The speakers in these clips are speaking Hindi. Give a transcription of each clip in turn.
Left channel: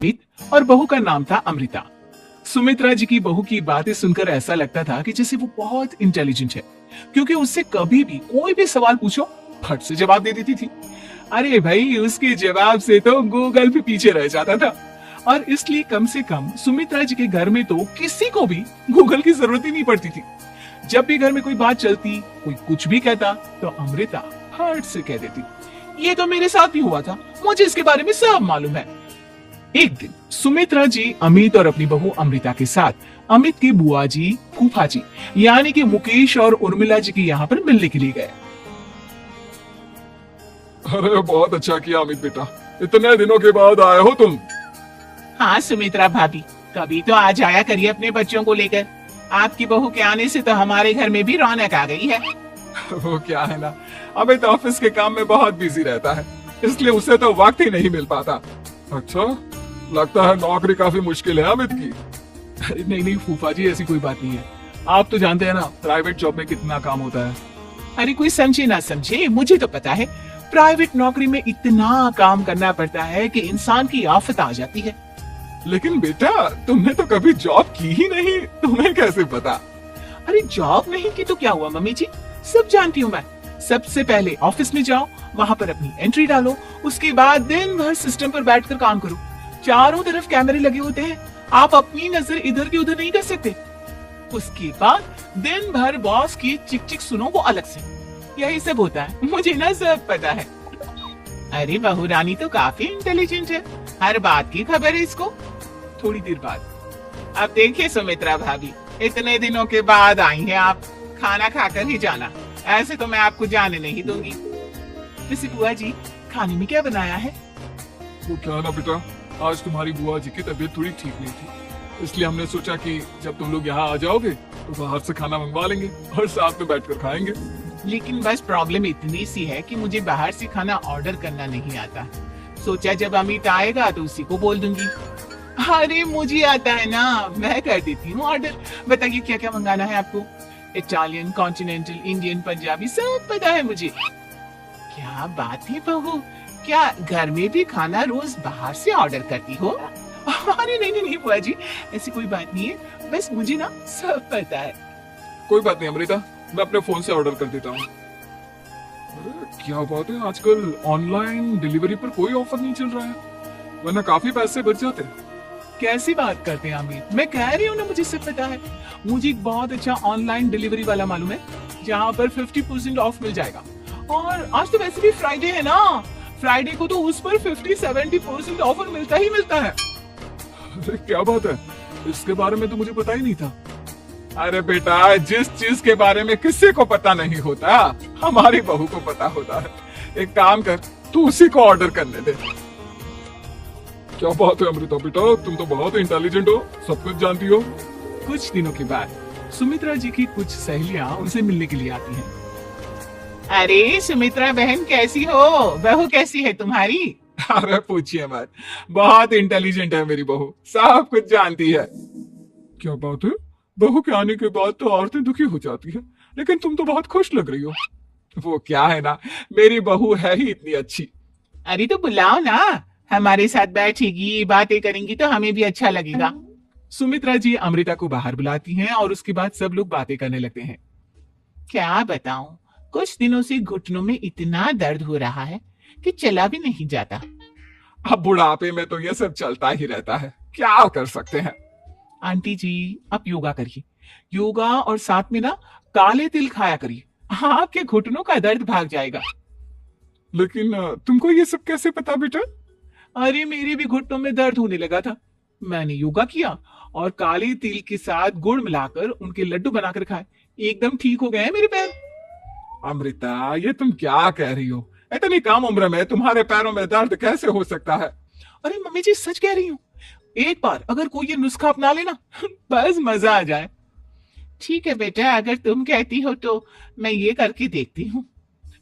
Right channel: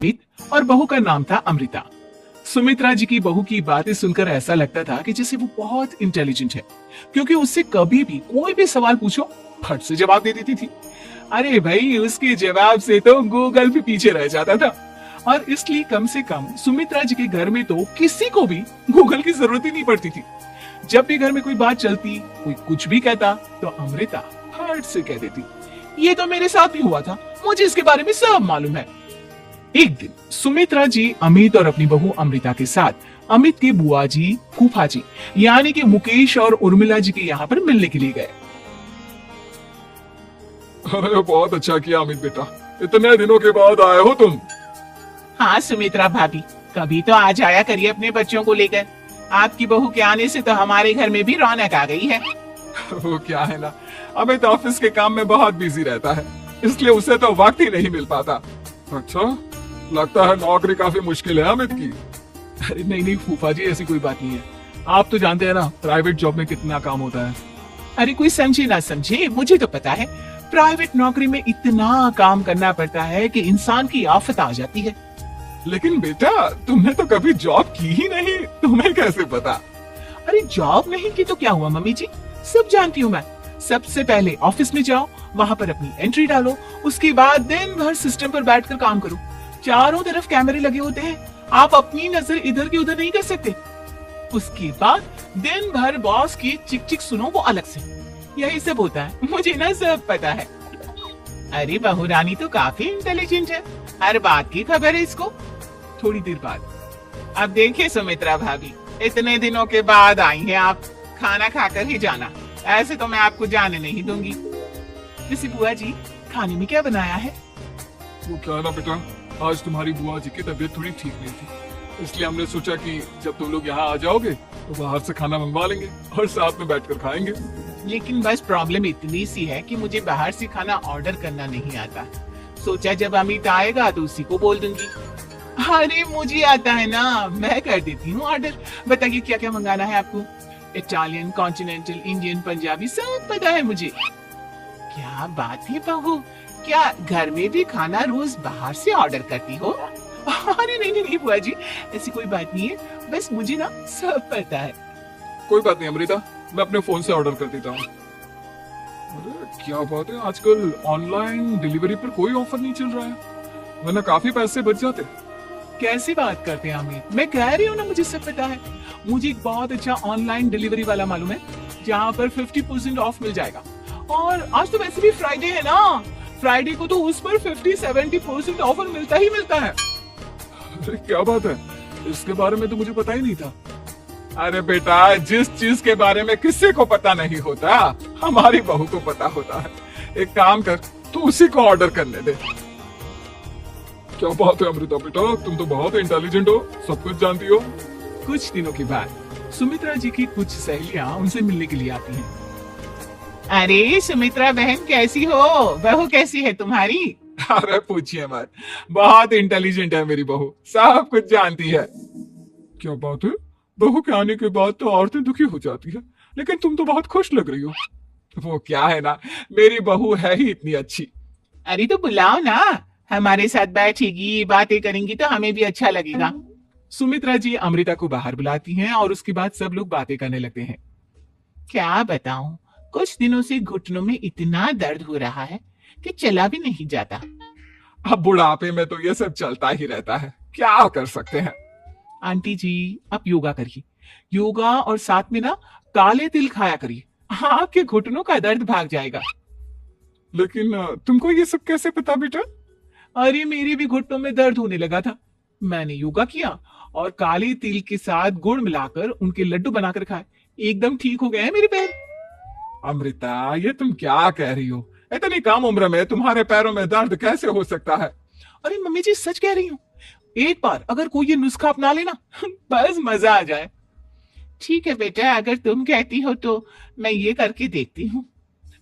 अमित और बहू का नाम था अमृता। सुमित्रा जी की बहू की बातें सुनकर ऐसा लगता था कि जैसे वो बहुत इंटेलिजेंट है, क्योंकि उससे कभी भी कोई भी सवाल पूछो फट से जवाब दे देती थी। अरे भाई, उसके जवाब से तो गूगल पे पीछे रह जाता था। और इसलिए कम से कम सुमित्रा जी के घर में तो किसी को भी गूगल की जरूरत ही नहीं पड़ती थी। जब भी घर में कोई बात चलती, कोई कुछ भी कहता, तो अमृता फट से कह देती, ये तो मेरे साथ भी हुआ था, मुझे इसके बारे में सब मालूम है। एक दिन सुमित्रा जी अमित और अपनी बहू अमृता के साथ अमित की बुआ जी, फूफा जी यानी कि मुकेश और उर्मिला जी के यहाँ पर मिलने के लिए गए। अरे बहुत अच्छा किया अमित बेटा, इतने दिनों के बाद आए हो तुम। हाँ सुमित्रा भाभी, कभी तो आ जाया करिए अपने बच्चों को लेकर। आपकी बहू के आने से तो हमारे घर में भी रौनक आ गई है। वो क्या है ना, अमित ऑफिस के काम में बहुत बिजी रहता है, इसलिए उसे तो वक्त ही नहीं मिल पाता। अच्छा, लगता है नौकरी काफी मुश्किल है अमित की। अरे नहीं नहीं फूफा जी, ऐसी कोई बात नहीं है। आप तो जानते हैं ना प्राइवेट जॉब में कितना काम होता है। अरे कोई समझे ना समझे, मुझे तो पता है प्राइवेट नौकरी में इतना काम करना पड़ता है कि इंसान की आफत आ जाती है। लेकिन बेटा, तुमने तो कभी जॉब की ही नहीं, तुम्हें कैसे पता? अरे जॉब नहीं की तो क्या हुआ मम्मी जी, सब जानती हूँ मैं। सबसे पहले ऑफिस में जाओ, वहाँ पर अपनी एंट्री डालो, उसके बाद दिन भर सिस्टम पर बैठकर काम करो। चारों तरफ कैमरे लगे होते हैं, आप अपनी नजर इधर की उधर नहीं कर सकते। उसके बाद दिन भर बॉस की चिक चिक सुनो, वो अलग से। यही सब होता है, मुझे ना सब पता है। अरे बहू रानी तो काफी इंटेलिजेंट है, हर बात की खबर है इसको। थोड़ी देर बाद, अब देखिए सुमित्रा भाभी, इतने दिनों के बाद आई हैं आप, खाना खाकर ही जाना, ऐसे तो मैं आपको जाने नहीं दूंगी। वैसे बुआ जी, खाने में क्या बनाया है? वो क्या ना बेटा, आज तुम्हारी बुआ जी की तबीयत थोड़ी ठीक नहीं थी, इसलिए हमने सोचा कि जब तुम लोग यहाँ आ जाओगे तो बाहर से खाना मंगवा लेंगे और साथ में बैठकर खाएंगे। लेकिन बस प्रॉब्लम इतनी सी है कि मुझे बाहर से खाना ऑर्डर करना नहीं आता। सोचा जब अमित आएगा तो उसी को बोल दूंगी। अरे मुझे आता है ना, मैं कर देती हूँ ऑर्डर। बताइए क्या क्या मंगाना है आपको? इटालियन, कॉन्टिनेंटल, इंडियन, पंजाबी, सब पता है मुझे। क्या बात है बहू, क्या घर में भी खाना रोज बाहर से ऑर्डर करती हो? अरे नहीं नहीं नहीं बुआ जी, ऐसी कोई बात नहीं है, बस मुझे ना सब पता है। कोई बात नहीं अमृता, मैं अपने फोन से ऑर्डर कर देता हूँ। अरे, क्या बात है, आजकल ऑनलाइन डिलीवरी पर कोई ऑफर नहीं चल रहा है, वरना काफी पैसे बच जाते। कैसी बात करते हैं अमित, मैं कह रही हूँ ना मुझे सब पता है। मुझे एक बहुत अच्छा ऑनलाइन डिलीवरी वाला मालूम है, जहाँ पर 50% ऑफ मिल जाएगा। और आज तो वैसे भी फ्राइडे है ना, फ्राइडे को तो उस पर 50-70% ऑफर मिलता ही मिलता है। अरे क्या बात है, इसके बारे में तो मुझे पता ही नहीं था। अरे बेटा, जिस चीज के बारे में किसी को पता नहीं होता, हमारी बहू को पता होता है। एक काम कर, तू उसी को ऑर्डर करने दे। क्या बात है अमृता बेटा, तुम तो बहुत इंटेलिजेंट हो, सब कुछ जानती हो। कुछ दिनों के बाद सुमित्रा जी की कुछ सहेलियां उनसे मिलने के लिए आती हैं। अरे सुमित्रा बहन कैसी हो, बहू कैसी है तुम्हारी? अरे पूछिए मत, बहुत इंटेलिजेंट है मेरी बहू, सब कुछ जानती है। क्या बात है, बहू के आने के बाद तो औरतें दुखी हो जाती है, लेकिन तुम तो बहुत खुश लग रही हो। वो क्या है ना, मेरी बहू है ही इतनी अच्छी। अरे तो बुलाओ ना, हमारे साथ बैठेगी, बातें करेंगी तो हमें भी अच्छा लगेगा। सुमित्रा जी अमृता को बाहर बुलाती हैं और उसके बाद सब लोग बातें करने लगते हैं। क्या बताऊं, कुछ दिनों से घुटनों में इतना दर्द हो रहा है कि चला भी नहीं जाता। अब बुढ़ापे में तो ये सब चलता ही रहता है, क्या कर सकते हैं। आंटी जी, आप योगा करिए, योगा और साथ में ना काले तिल खाया करिए, आपके घुटनों का दर्द भाग जाएगा। लेकिन तुमको ये सब कैसे पता बेटा? अरे मेरे भी घुटनों में दर्द होने लगा था, मैंने योगा किया और काले तिल के साथ गुड़ मिलाकर उनके लड्डू बनाकर खाए, एकदम ठीक हो गए हैं मेरे पैर। अमृता, ये तुम क्या कह रही हो? इतनी कम उम्र में तुम्हारे पैरों में दर्द कैसे हो सकता है? अरे मम्मी जी सच कह रही हूँ, एक बार अगर कोई ये नुस्खा अपना लेना बस मजा आ जाए। ठीक है बेटा, अगर तुम कहती हो तो मैं ये करके देखती हूँ।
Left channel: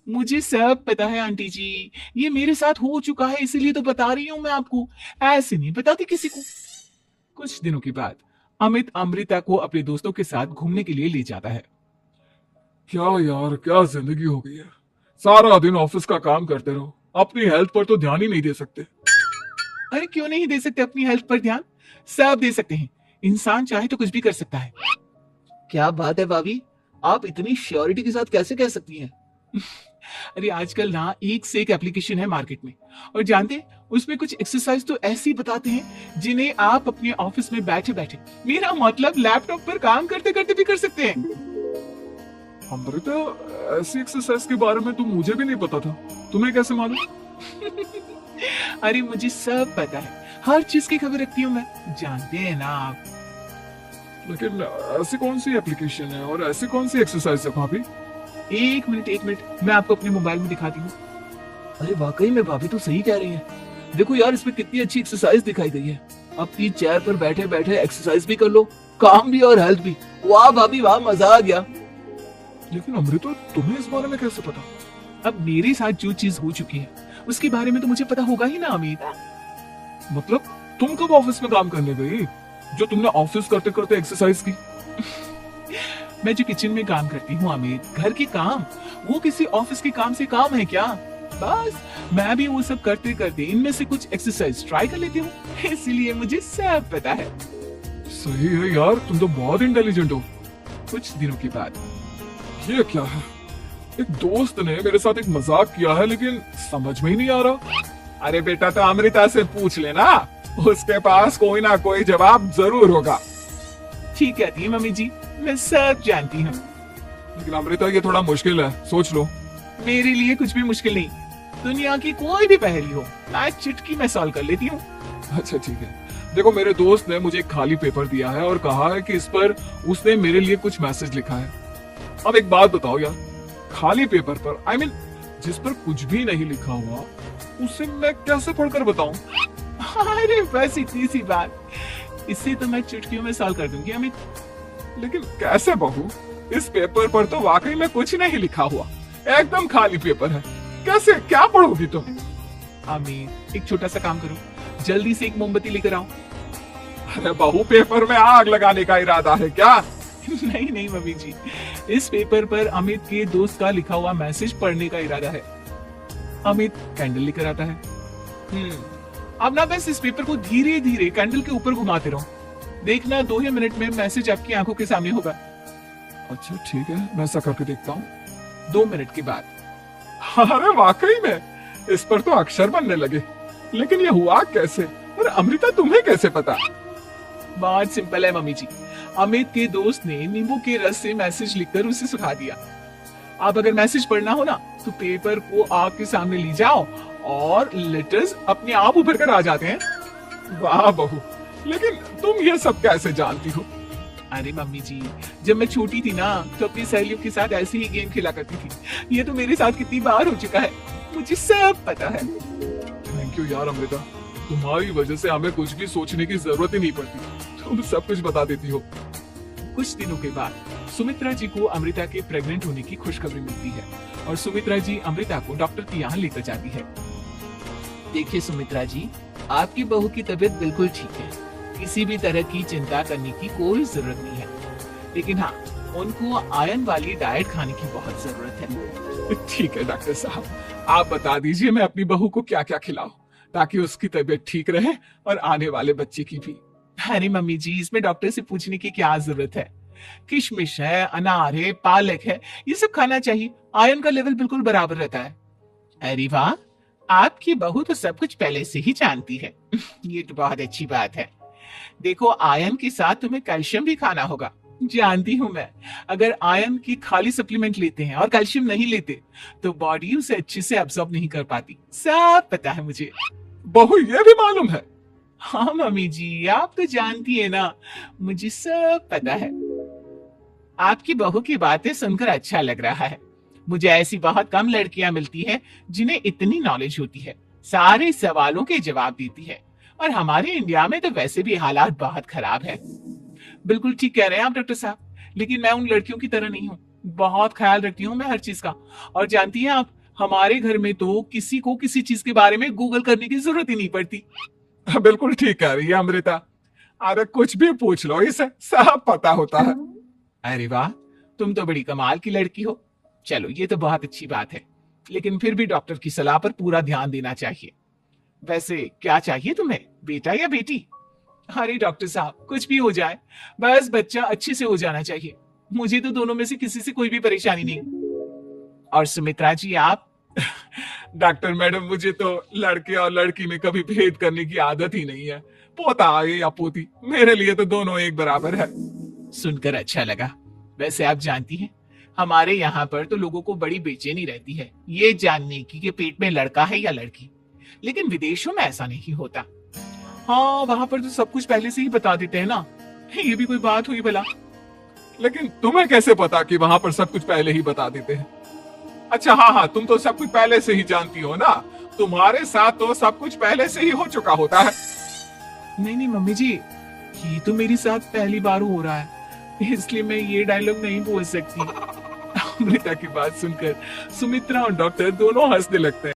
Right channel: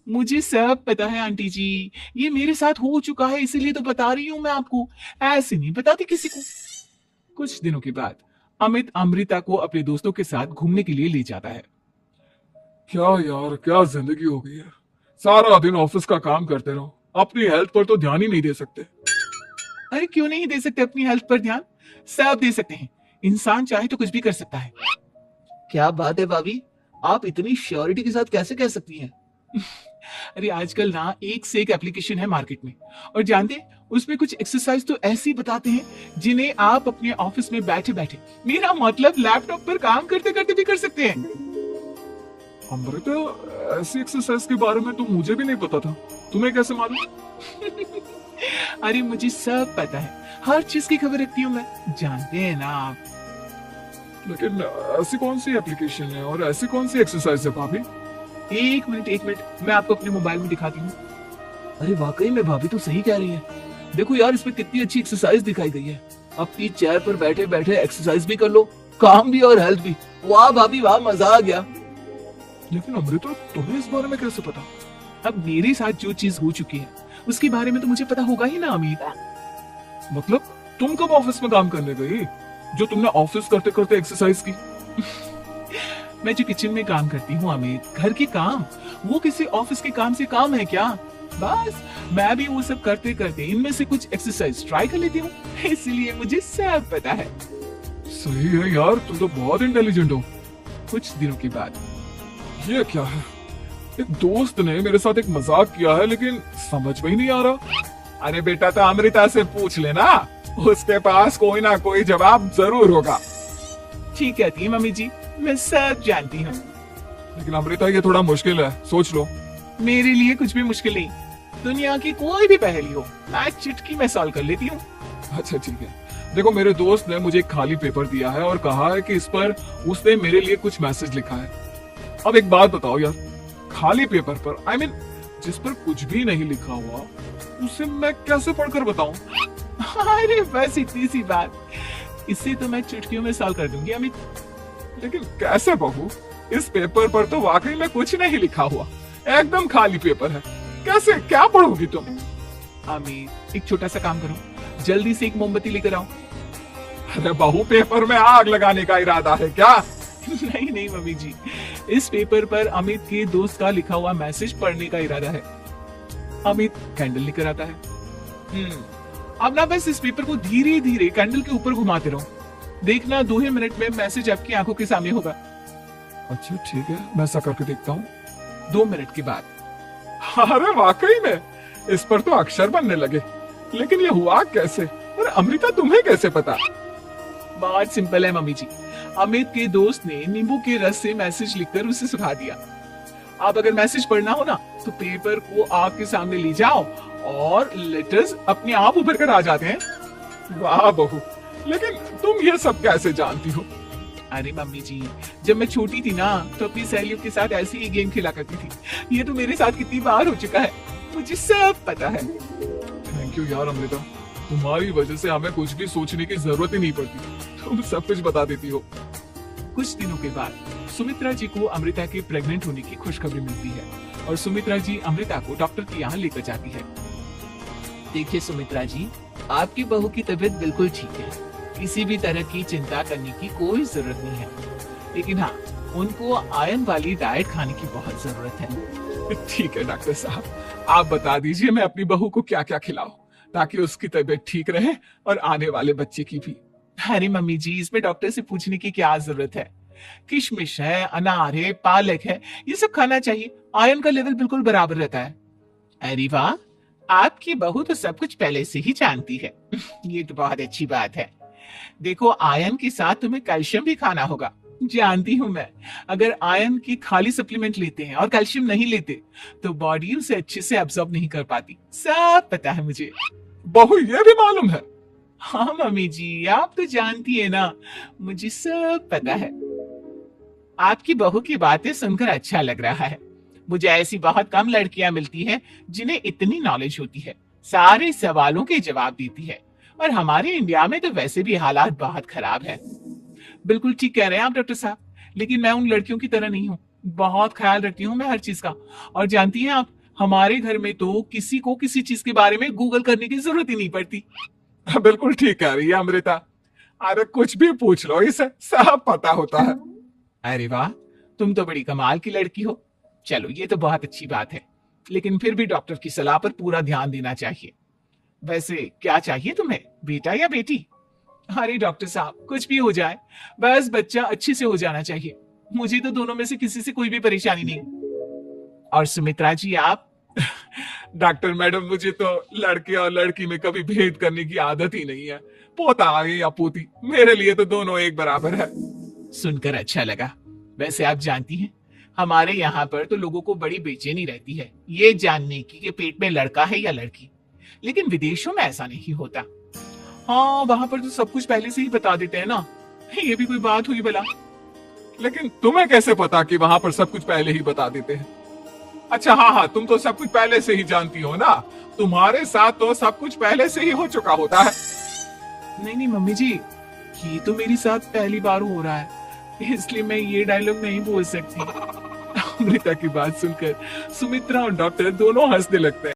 मुझे सब पता है आंटी जी, ये मेरे साथ हो चुका है, इसीलिए तो बता रही हूँ मैं आपको, ऐसे नहीं बताती किसी को। कुछ दिनों के बाद अमित अमृता को अपने दोस्तों के साथ घूमने के लिए ले जाता है। क्या यार, क्या जिंदगी हो गई है, सारा दिन ऑफिस का काम करते रहो, अपनी हेल्थ पर तो ध्यान ही नहीं दे सकते। अरे क्यों नहीं दे सकते अपनी हेल्थ पर ध्यान? सब दे सकते हैं। इंसान चाहे तो कुछ भी कर सकता है। क्या बात है भाभी, आप इतनी श्योरिटी के साथ कैसे कह सकती हैं? अरे आजकल ना एक से एक एप्लीकेशन है मार्केट में, और जानते हैं उसमें कुछ एक्सरसाइज तो ऐसी बताते हैं जिन्हें आप अपने ऑफिस में बैठे बैठे, मेरा मतलब लैपटॉप पर काम करते करते भी कर सकते हैं। अमृता, ऐसी एक्सरसाइज के बारे में तो मुझे भी नहीं पता था, तुम्हें कैसे मालूम? अरे मुझे सब पता है, हर चीज की खबर रखती हूँ मैं, जानते हैं ना आप। लेकिन ऐसी कौन सी एप्लीकेशन है और ऐसी कौन सी एक्सरसाइज है भाभी? एक मिनट, मैं आपको अपने मोबाइल में दिखाती हूँ। अरे वाकई में भाभी तो सही कह रही है। देखो यार, इसमें कितनी अच्छी एक्सरसाइज दिखाई गई है। अपनी चेयर पर बैठे बैठे एक्सरसाइज भी कर लो, काम भी और हेल्थ भी। वाह भाभी वाह, मजा आ गया। लेकिन अमृता, तुम्हें इस बारे में कैसे पता? अब मेरे साथ जो चीज हो चुकी है उसके बारे में तो मुझे पता होगा ही ना अमित। मतलब तुम कब ऑफिस में काम करने गई जो तुमने ऑफिस करते करते एक्सरसाइज की? मैं जो किचन में काम करती हूँ अमित, घर के काम, वो किसी ऑफिस के काम से काम है क्या? बस मैं भी वो सब करते करते इनमें से कुछ एक्सरसाइज ट्राई कर लेती हूँ, इसलिए मुझे सब पता है। सही है यार, तुम तो बहुत इंटेलिजेंट हो। कुछ दिनों के बाद ये क्या है? एक दोस्त ने मेरे साथ एक मजाक किया है, लेकिन समझ में ही नहीं आ रहा। अरे बेटा, तो अमृता से पूछ लेना, उसके पास कोई ना कोई जवाब जरूर होगा। ठीक कहती है मम्मी जी, मैं सब जानती हूँ। लेकिन अमृता, ये थोड़ा मुश्किल है, सोच लो। मेरे लिए कुछ भी मुश्किल नहीं, दुनिया की कोई भी पहेली हो मैं चुटकी में सॉल्व कर लेती हूँ। अच्छा ठीक है, देखो मेरे दोस्त ने मुझे एक खाली पेपर दिया है और कहा है कि इस पर उसने मेरे लिए कुछ मैसेज लिखा है। अब एक बात बताओ यार, खाली पेपर पर, I mean, जिस पर कुछ भी नहीं लिखा हुआ, उसे मैं कैसे पढ़कर बताऊं? अरे बस इतनी सी बात, इसे तो मैं चुटकियों में सॉल्व कर दूंगी अमित। लेकिन कैसे बहू? इस पेपर पर तो वाकई में कुछ नहीं लिखा हुआ, एकदम खाली पेपर है, कैसे, क्या पढ़ोगी तुम? अमित, एक छोटा सा काम करो, जल्दी से एक मोमबत्ती लेकर आओ। अरे बहू, पेपर में आग लगाने का इरादा है क्या? नहीं नहीं मम्मी जी, इस पेपर पर अमित के दोस्त का लिखा हुआ मैसेज पढ़ने का इरादा है। अमित कैंडल लेकर आता है। अब ना बस इस पेपर को धीरे धीरे कैंडल के ऊपर घुमाते रहो, देखना 2 ही मिनट में मैसेज आपकी आंखों के सामने होगा। अच्छा ठीक है, मैं ऐसा करके देखता हूँ। 2 मिनट के बाद। अरे वाकई में इस पर तो अक्षर बनने लगे, लेकिन ये हुआ कैसे? और अमृता, तुम्हें कैसे पता? बहुत सिंपल है मम्मी जी, अमित के दोस्त ने नींबू के रस से मैसेज लिखकर उसे सुखा दिया। आप अगर मैसेज पढ़ना हो ना तो पेपर को आग के सामने ले जाओ और लेटर्स अपने आप उभर कर आ जाते हैं। वाह बहू, लेकिन तुम ये सब कैसे जानती हो? अरे मम्मी जी, जब मैं छोटी थी ना तो अपनी सहेलियों के साथ ऐसे ही गेम खेला करती थी। ये तो मेरे साथ कितनी बार हो चुका है, मुझे सब पता है। थैंक यू यार अमृता, तुम्हारी वजह से हमें कुछ भी सोचने की जरूरत ही नहीं पड़ती, तुम सब कुछ बता देती हो। कुछ दिनों के बाद सुमित्रा जी को अमृता के प्रेग्नेंट होने की खुशखबरी मिलती है और सुमित्रा जी अमृता को डॉक्टर के यहाँ लेकर जाती है। देखिए सुमित्रा जी, आपकी बहू की तबीयत बिल्कुल ठीक है, किसी भी तरह की चिंता करने की कोई जरूरत नहीं है, लेकिन हाँ, उनको आयरन वाली डाइट खाने की बहुत जरूरत है। ठीक है डॉक्टर साहब, आप बता दीजिए मैं अपनी बहू को क्या क्या खिलाऊं ताकि उसकी तबीयत ठीक रहे और आने वाले बच्चे की भी। अरे मम्मी जी, इसमें डॉक्टर से पूछने की क्या जरूरत है, किशमिश है, अनार है, पालक है, ये सब खाना चाहिए, आयरन का लेवल बिल्कुल बराबर रहता है। अरे वाह, आपकी बहू तो सब कुछ पहले से ही जानती है। ये तो बहुत अच्छी बात है। देखो, आयरन के साथ तुम्हें कैल्शियम भी खाना होगा, जानती हूँ मैं। अगर आयरन की खाली सप्लीमेंट लेते हैं और कैल्शियम नहीं लेते तो बॉडी उसे अच्छे से एब्जॉर्ब नहीं कर पाती, सब पता है मुझे। बहू, ये भी मालूम है? हाँ मम्मी जी, आप तो जानती है ना, मुझे सब पता है। आपकी बहू की बातें सुनकर अच्छा लग रहा है। मुझे ऐसी बहुत कम लड़कियां मिलती हैं जिन्हें इतनी नॉलेज होती है, सारे सवालों के जवाब देती है। और हमारे इंडिया में तो वैसे भी हालात बहुत खराब है। बिल्कुल ठीक कह रहे हैं आप डॉक्टर साहब, लेकिन मैं उन लड़कियों की तरह नहीं हूँ, बहुत ख्याल रखती हूँ मैं हर चीज का। और जानती हैं आप, हमारे घर में तो किसी को किसी चीज के बारे में गूगल करने की जरूरत ही नहीं पड़ती। बिल्कुल ठीक कह रही है अमृता, अरे कुछ भी पूछ लो, इसे सब पता होता है। अरे वाह, तुम तो बड़ी कमाल की लड़की हो। चलो, ये तो बहुत अच्छी बात है, लेकिन फिर भी डॉक्टर की सलाह पर पूरा ध्यान देना चाहिए। वैसे क्या चाहिए तुम्हें, बेटा या बेटी? अरे डॉक्टर साहब, कुछ भी हो जाए, बस बच्चा अच्छे से हो जाना चाहिए। मुझे तो दोनों में से किसी से कोई भी परेशानी नहीं। और सुमित्रा जी आप? डॉक्टर मैडम, मुझे तो लड़के और लड़की में कभी भेद करने की आदत ही नहीं है। पोता आए या पोती, मेरे लिए तो दोनों एक बराबर है। सुनकर अच्छा लगा। वैसे आप जानती हैं, हमारे यहाँ पर तो लोगों को बड़ी बेचैनी रहती है ये जानने की कि पेट में लड़का है या लड़की। लेकिन विदेशों में ऐसा नहीं होता। हाँ, वहां पर तो सब कुछ पहले से ही बता देते हैं ना। ये भी कोई बात हुई भला? लेकिन तुम्हें कैसे पता कि वहां पर सब कुछ पहले ही बता देते हैं? अच्छा, हाँ हाँ, तुम तो सब कुछ पहले से ही जानती हो ना। तुम्हारे साथ तो सब कुछ पहले से ही हो चुका होता है। नहीं नहीं मम्मी जी, ये तो मेरे साथ पहली बार हो रहा है, इसलिए मैं ये डायलॉग नहीं बोल सकती। अमृता की बात सुनकर सुमित्रा और डॉक्टर दोनों हंसने लगते हैं।